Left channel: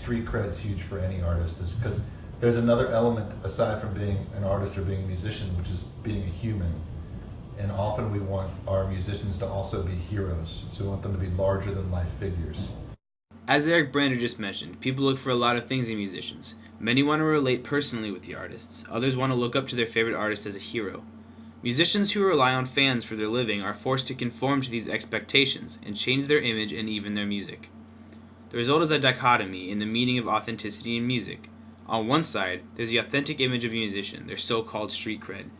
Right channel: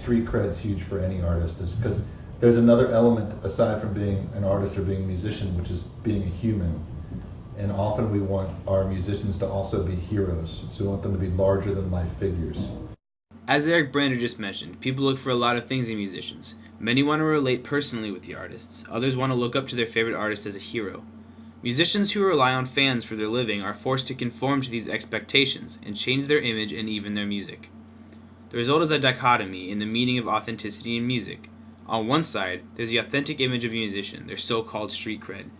street cred's huge for any artist, is because there's another element aside from being an artist or being a musician, which is being a human. And often we want our musicians to also be heroes, so we want them to be larger than life figures. As Eric Brander just mentioned, people look for a lot of things in musicians. Many want to relate personally with the artists. Others want to look up to their favorite artist as a hero. Musicians who rely on fans for their living are forced to conform to these expectations and change their image and even their music. The result is a dichotomy in the meaning of authenticity in music. On one side, there's the authentic image of a musician, their so-called street cred.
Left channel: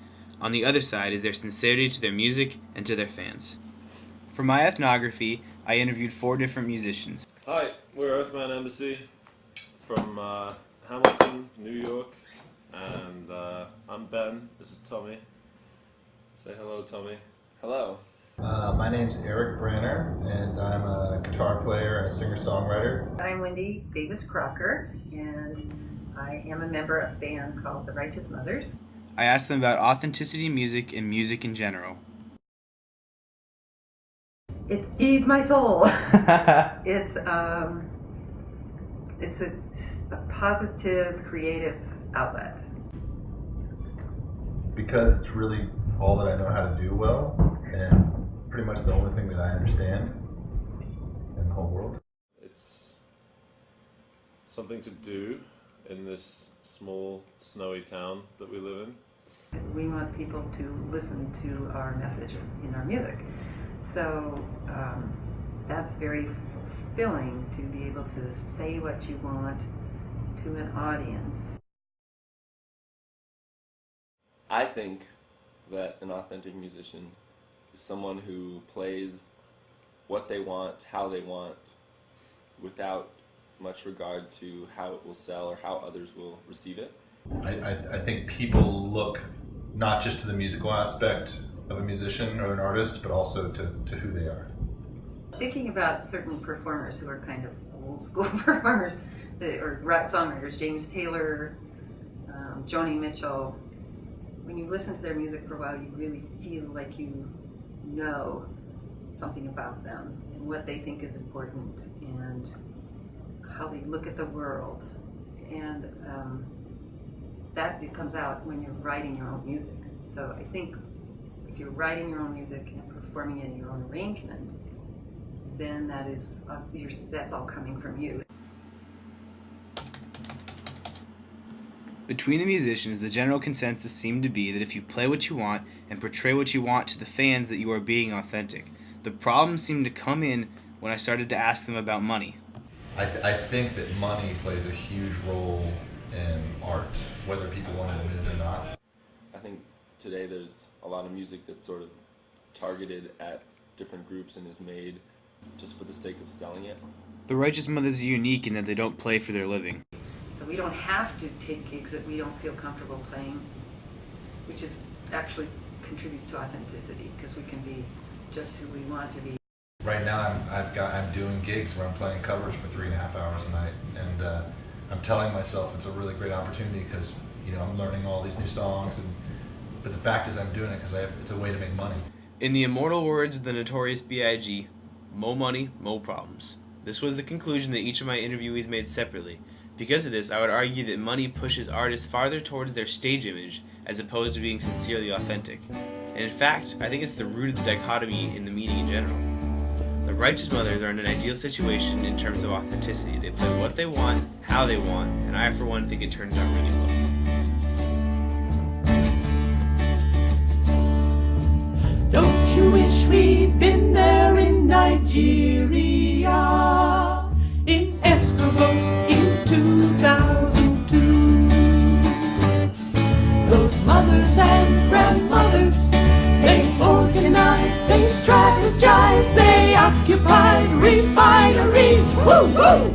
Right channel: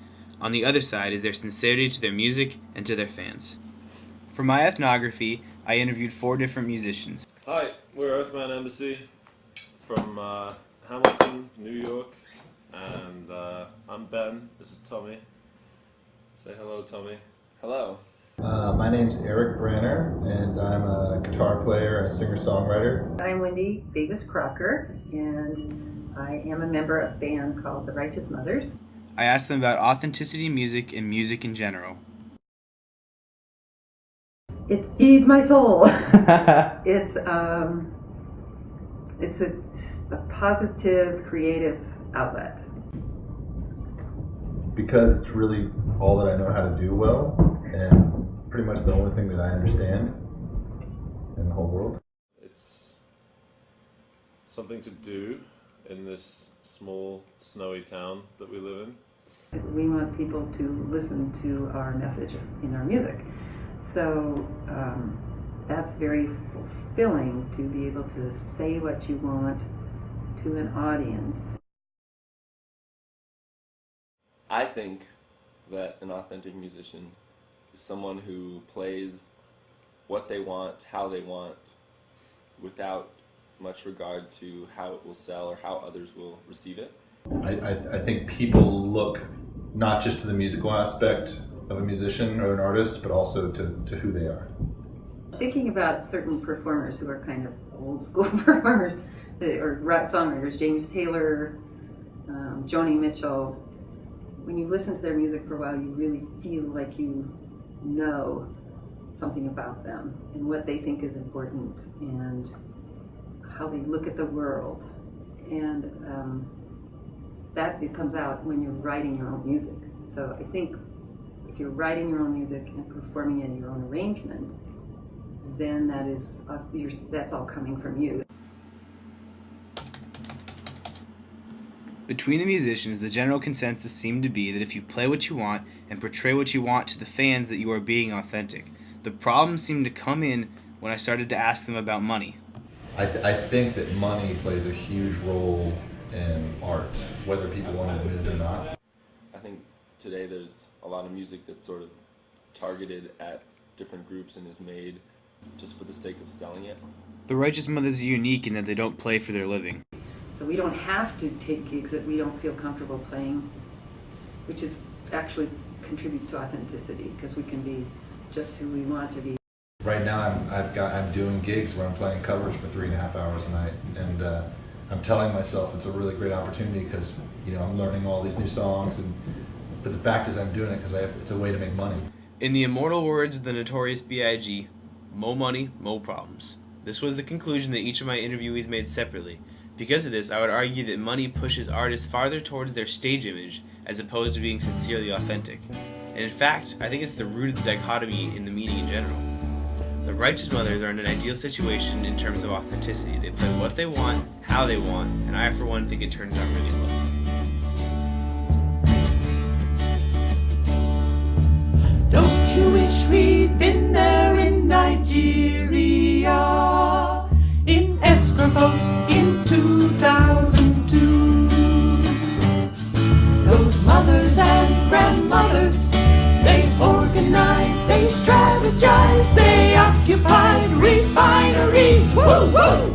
On the other side is their sincerity to their music and to their fans. For my ethnography, I interviewed 4 different musicians. Hi, we're Earthman Embassy from Hamilton, New York, and I'm Ben. This is Tommy. Say hello, Tommy. Hello. My name's Eric Branner, and I'm a guitar player and a singer-songwriter. I'm Wendy Davis Crocker, and I am a member of a band called the Righteous Mothers. I asked them about authenticity in music and music in general. It feeds my soul. It's a positive, creative outlet. Because it's really all that I know how to do well, and pretty much the only thing that I understand in the whole world. It's something to do in this small, snowy town that we live in. We want people to listen to our message in our music. So that's very fulfilling, to be able to say what you want to an audience. I think that an authentic musician is someone who plays what they want, how they want, without much regard to how it will sell or how others will receive it. I think people look not just to the musical aspect of a musician or an artist, but also to who they are. Thinking about certain performers who are kind of old school performers, or songwriters, James Taylor, Joni Mitchell, when you listen to their music for a while, you really feel like you know something about them and what they think is important and how they look at the world. And that it comes out when you're writing your own music. So I think if you're writing your own music and performing it in your own arrangement, then that's all coming from you. Between the musicians, the general consensus seemed to be that if you play what you want and portray what you want to the fans, that you are being authentic. The problem seemed to come in when I started to ask them about money. I think that money plays a huge role in art, whether people want to admit it or not. I think today there's a lot of music that's sort of targeted at different groups and is made just for the sake of selling it. The Righteous Mothers are unique in that they don't play for their living. So we don't have to take gigs that we don't feel comfortable playing, which is actually contributes to authenticity, because we can be just who we want to be. Right now I'm doing gigs where I'm playing covers for 3.5 hours a night, and I'm telling myself it's a really great opportunity because I'm learning all these new songs, but the fact is I'm doing it because it's a way to make money. In the immortal words of the Notorious B.I.G., mo money, mo problems. This was the conclusion that each of my interviewees made separately. Because of this, I would argue that money pushes artists farther towards their stage image as opposed to being sincerely authentic. And in fact, I think it's the root of the dichotomy in the meaning in general. The Righteous Mothers are in an ideal situation in terms of authenticity. They play what they want, how they want, and I for one think it turns out really well. Don't you wish we'd been there in Nigeria, in Escravos in 2002? Those mothers and grandmothers, they organized, they strategized, they occupied refineries. Woo woo!